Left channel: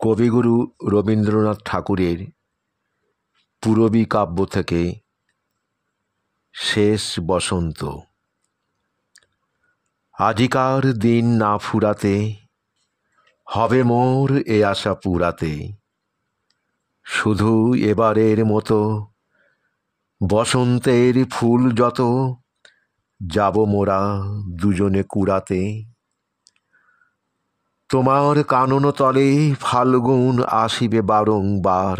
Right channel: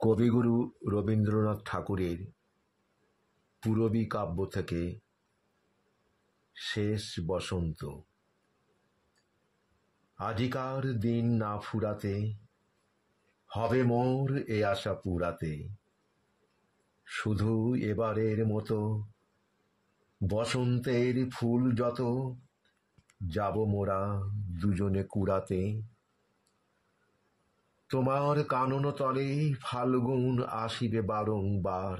কবিগুরু রবীন্দ্রনাথ ঠাকুরের পূরবী কাব্য থেকে শেষ বসন্ত। আজিকার দিন না ফুরাতে হবে মোর এ আশা পুরাতে, শুধু এবারের মতো বসন্তের ফুল যত যাব মোরা দুজনে কুড়াতে। তোমার কানন তলে ফাল্গুন আসিবে বারংবার,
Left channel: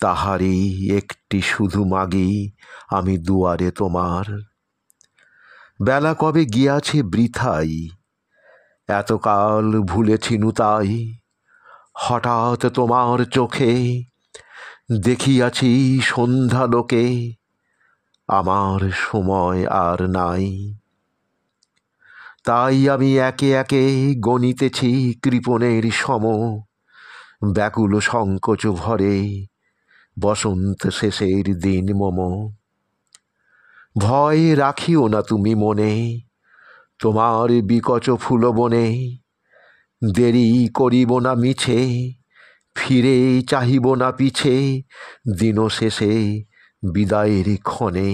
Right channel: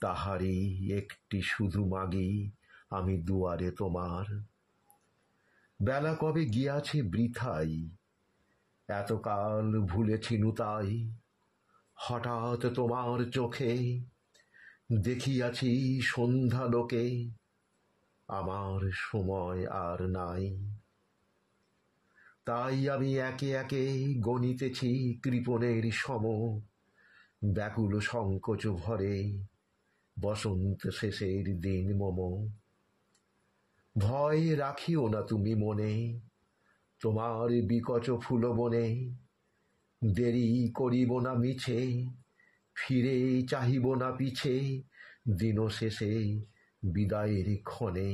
তাহারই একটি শুধু মাগি আমি দুয়ারে তোমার। বেলা কবে গিয়াছে বৃথাই, এতকাল ভুলেছিনু তাই, হঠাৎ তোমার চোখে দেখিয়াছি সন্ধ্যালোকে, আমার সময় আর নাই। তাই আমি একে একে গণিতেছি কৃপণের সম, ব্যাকুল সংকোচ ভরে বসন্ত শেষের দিন মম। ভয় রাখিও না তুমি মনে, তোমার বিকচ ফুলবনে দেরি করিব না মিছে, ফিরে চাহিব না পিছে দিন শেষে বিদায়ের ক্ষণে।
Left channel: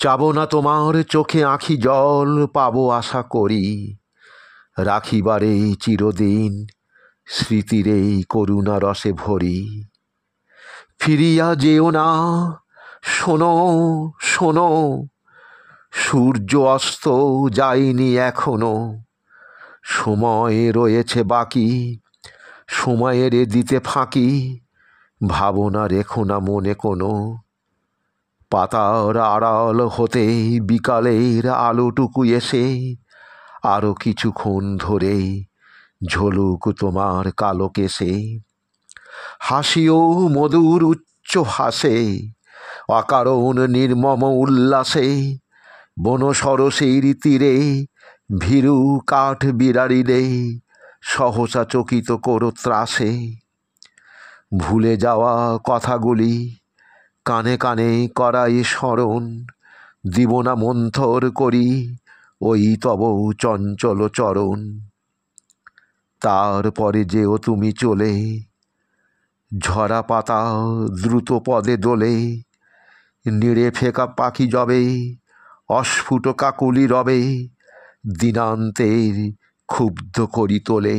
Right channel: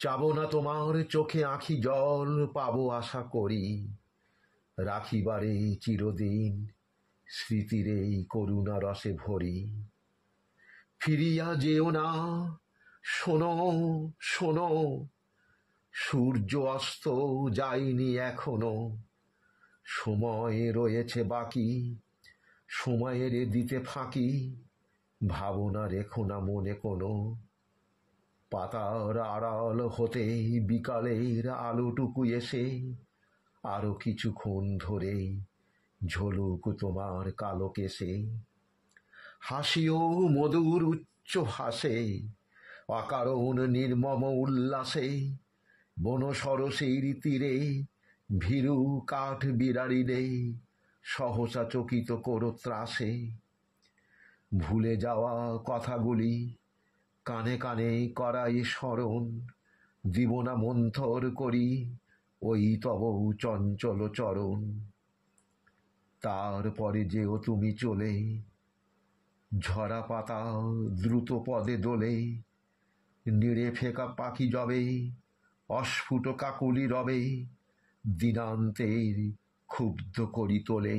চাব না তোমার চোখে আঁখি জল, পাবো আশা করি রাখিবারে চিরদিন স্মৃতির এই করুণা রসে ভরি। ফিরিয়া যেও না, শোনো শোনো, সূর্য অস্ত যায়নি এখনো, সময় রয়েছে বাকি, সময়ের দিতে ফাঁকি, ভাবনা রেখো না মনে কোনো। পাতার আড়াল হতে বিকালের আলোটুকু এসে আরো কিছুক্ষণ ধরে ঝলুক তোমার কালো কেশে। হাসিও মধুর উচ্চ ভাসে, অকারণ নির্মম উল্লাসে, বন সরসের তীরে ভীরু কাঠ বিড়ারিলে সহসা চকিত করো ত্রাসে। ভুলে যাওয়া কথাগুলি কানে কানে করাই স্মরণ, দিব না মন্থর করি ওই তব চঞ্চল চরণ। তারপরে যেও তুমি চলে, ঝরা পাতা দ্রুত পদে দোলে, নিড়ে ফেকা পাখি যবে অস্ফুট কাকুলি রবে, দিনান্তের ক্ষুব্ধ করি তোলে।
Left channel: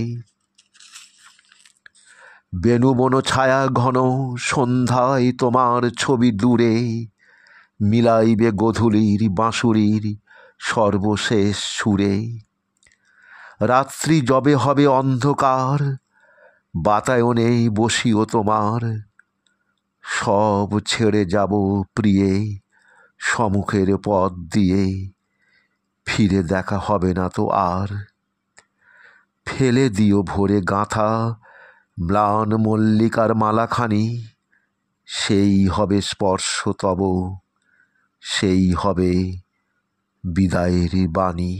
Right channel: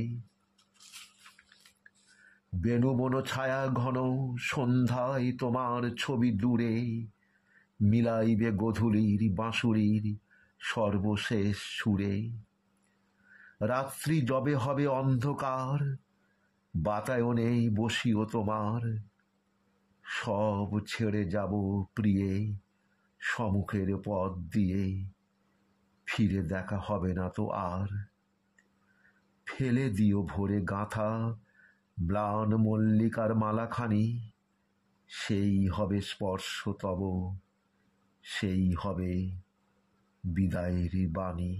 বেণুবন ছায়া ঘন সন্ধ্যায় তোমার ছবি দূরে, মিলাইবে গোধূলির বাঁশুরির সর্বশেষ সুরে। রাত্রি যবে হবে অন্ধকার, বাতায়নে বসিও তোমার, সব ছেড়ে যাব প্রিয়ে সম্মুখের পথ দিয়ে, ফিরে দেখা হবে না তো আর। ফেলে দিও ভোরে গাঁথা ম্লান মল্লিকার মালাখানি, সেই হবে স্পর্শ তব, সেই হবে বিদায়ের বাণী।